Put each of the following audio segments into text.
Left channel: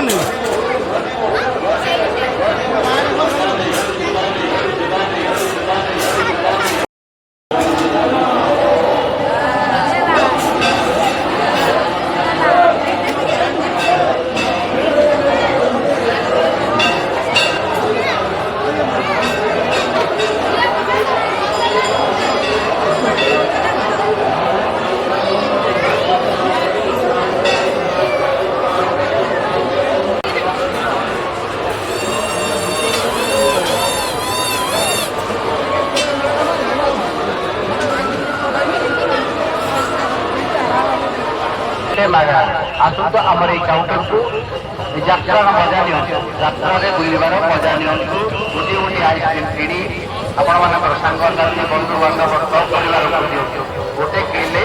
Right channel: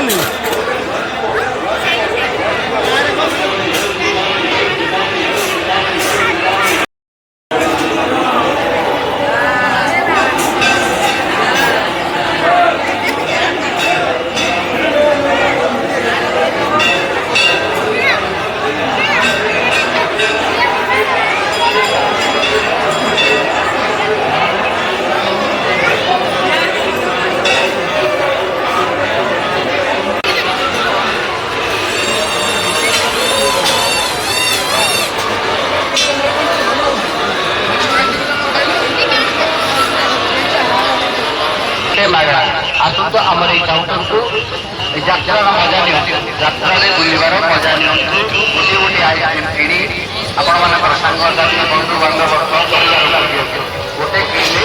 नहीं लगा आसत आमर काउंटर को यात्रा मजा नि यात्रा बुलवार मजा नि गोटे गोटे आइसक्रीम किणी आपण मान सांग बंधु बांधव गोटे किले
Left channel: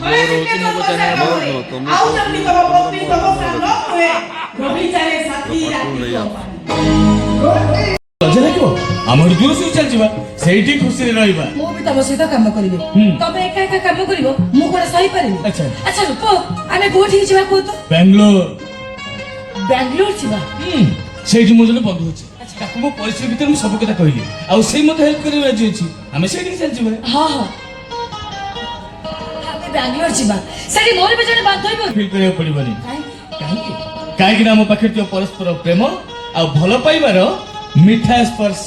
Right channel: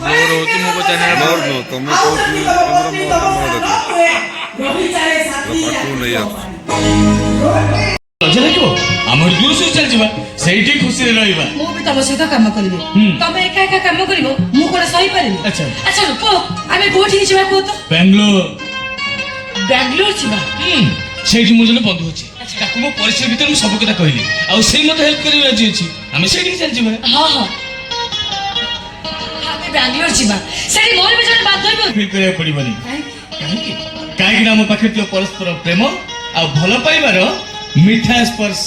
बोर होती मो चैनल बोर नो तुम ଆମର ଦୂର ସୁଇ ଚାଲିଯିବା ସେଇଠି ଖୁସିରେ ରହିବା ମୁଁ ବି ତମ ସହିତ କାମ କରିବି ତମେ ଏକା ଏକା କାମ କରିବ ମୁଁ କଣ ସହି ପାରିବି ଆଚ୍ଛା ଆଚ୍ଛା କୁହ ଆମେ କୋଉଠିକି ଯିବା କୁହ ତ ବାଙ୍ଗାଲୋର ଯିବା ସେଇଠି ମୁଁ ଜଣେ ବନ୍ଧୁ ଅଛି ତାକୁ ମୋ ପରିଚୟ ଭିତରେ ମୁଁ ସବୁ କଥା କହିଲି ଆଉ ସେଇ ମତେ ହେଲ୍ପ କରିବାକୁ ରାଜି ଅଛି ଆମେ ସେଇଠିକି ଚାଲିଯିବା ହଁ ହଁ ଆମେ ବାଙ୍ଗାଲୋର ଯିବା ସେଠି ମୋର ବି ଜଣେ ବାନ୍ଧବୀ ଫିଲ୍ କରିବାକୁ ପଡିବନି କାହିଁକି ନା ଆମ ପାଖରେ ଥିବା ପରସ୍ପର ପ୍ରେମ ଆଉ ଭଲ ପାଇବାର ମିଠା ସ୍ପର୍ଶ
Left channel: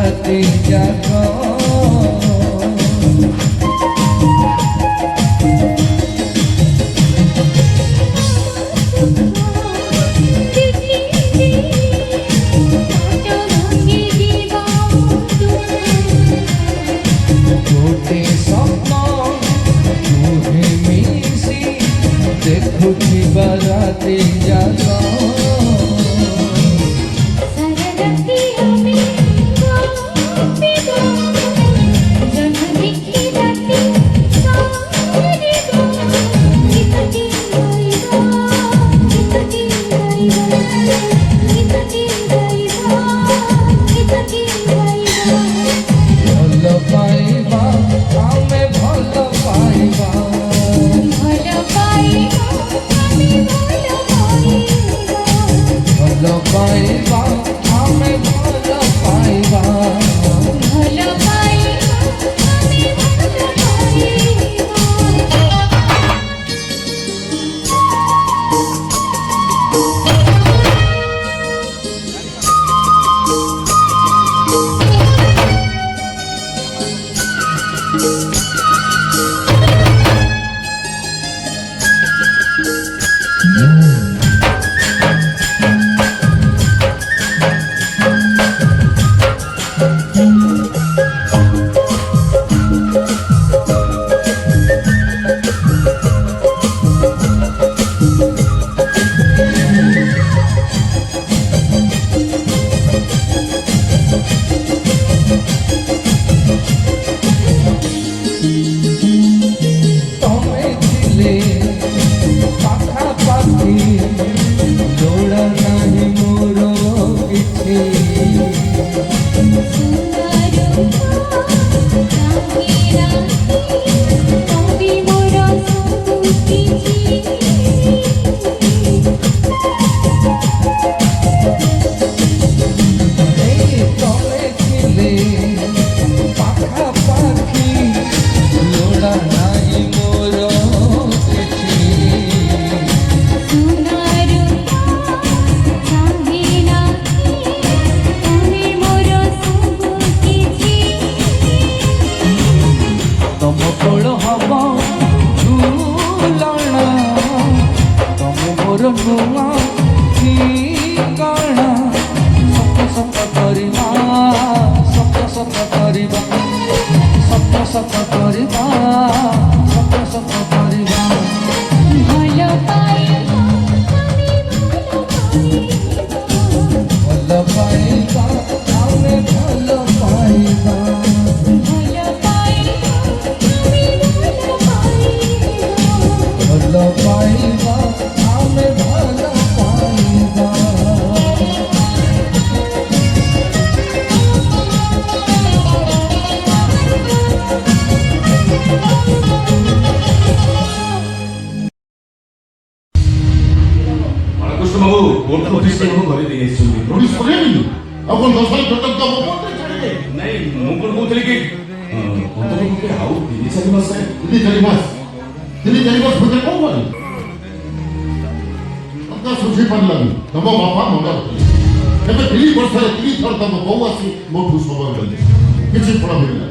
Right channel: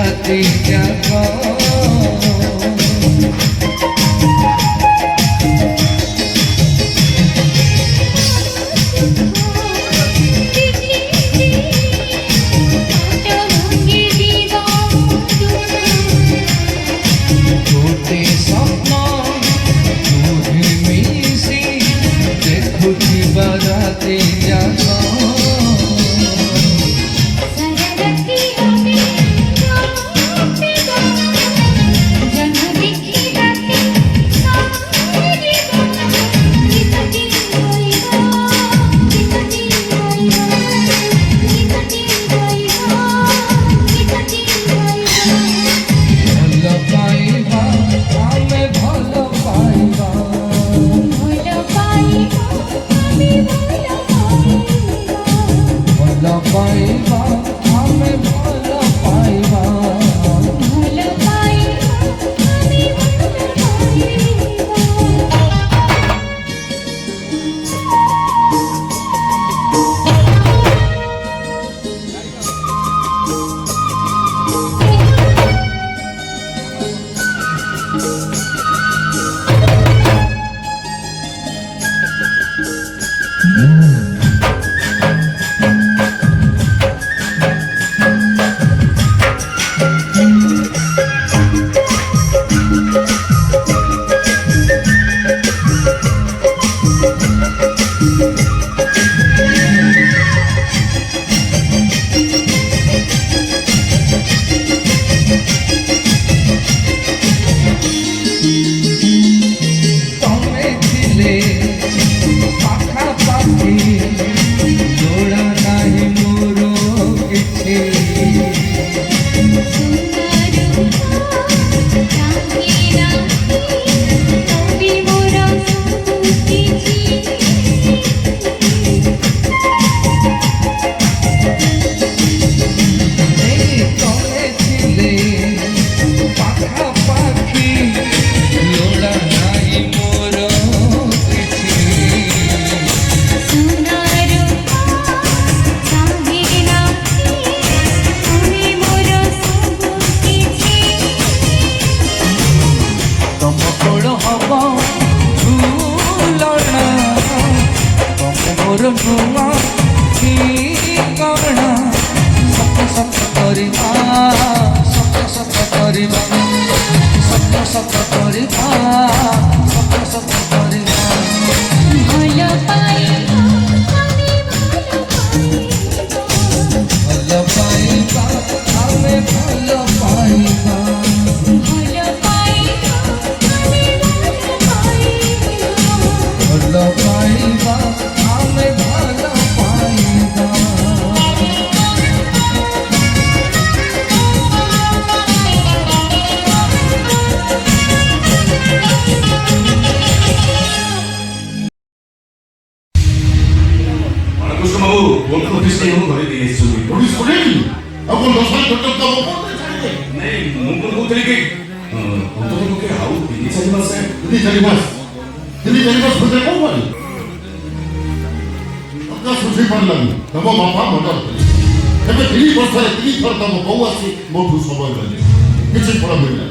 राति जागो गोटे सपना तुहे मिसी देखुथिबा राति जागो ଭଲ ପାଇବା ଆମେ ଭଲ ପାଇବା ଭଲ ପାଇବା ଆମେ ଭଲ ପାଇବା ତମେ ଥିଲେ ପାଖାପାଖି ଦୌଡ଼ ନାହିଁ ମୋର କିଛି ତମେ ଥିଲେ ପାଖାପାଖି ଦୌଡ଼ ନାହିଁ ମୋର କିଛି ତମ କୋଳ ହବ ଝୁଲଣା ତମେ ମୋର ନୂଆ ଠିକଣା ସତ ସତ କରିବା ସତ ସତ କରିବା ସତ ସତ କରିବା ସତ ସତ କରିବା ଭଲ ପାଇବା ଆମେ ଭଲ ପାଇବା ଭଲ ପାଇବା ଆମେ ଭଲ ପାଇବା କୃଷ୍ଣ ବାବୁ କୋର୍ଟ ନୋଟିସ୍ ତମକୁ ଘରେ ଦେଇ ଆସିଛନ୍ତି। ନୋଟିସ୍ ପଠେଇନି ଆଉ କଣ 10 ମାସ ପର୍ଯ୍ୟନ୍ତ ନାଇଁ ମୁଁ କଣ କହୁଥିଲି କି ଆଉ 3-4 ମାସ 3-4 ମାସ ଭିତରେ କଣ କରିବି ମତେ ସୁଝି ପାରିଲାନି ତମ ବାପା ମଣ୍ଡା ଏବେ 3 ବର୍ଷରେ 3 ଥର ତମ ବୋଉ ଆସି ମୋଠୁ ସମୟ ଗଲେ କିଛି ଫଳ ମିଳିଲା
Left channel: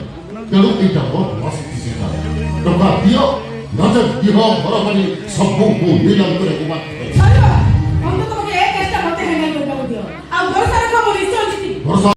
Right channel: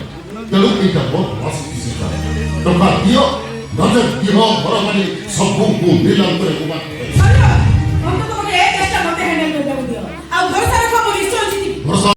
ତେଣୁ ଏଇଟା ବହୁତ ଆସକ୍ତି ଟଙ୍କା ଦିଅ ନଚେତ ଦିହ ଘର କରି ସବୁକୁ ନିଲାମ କରି ଭରସା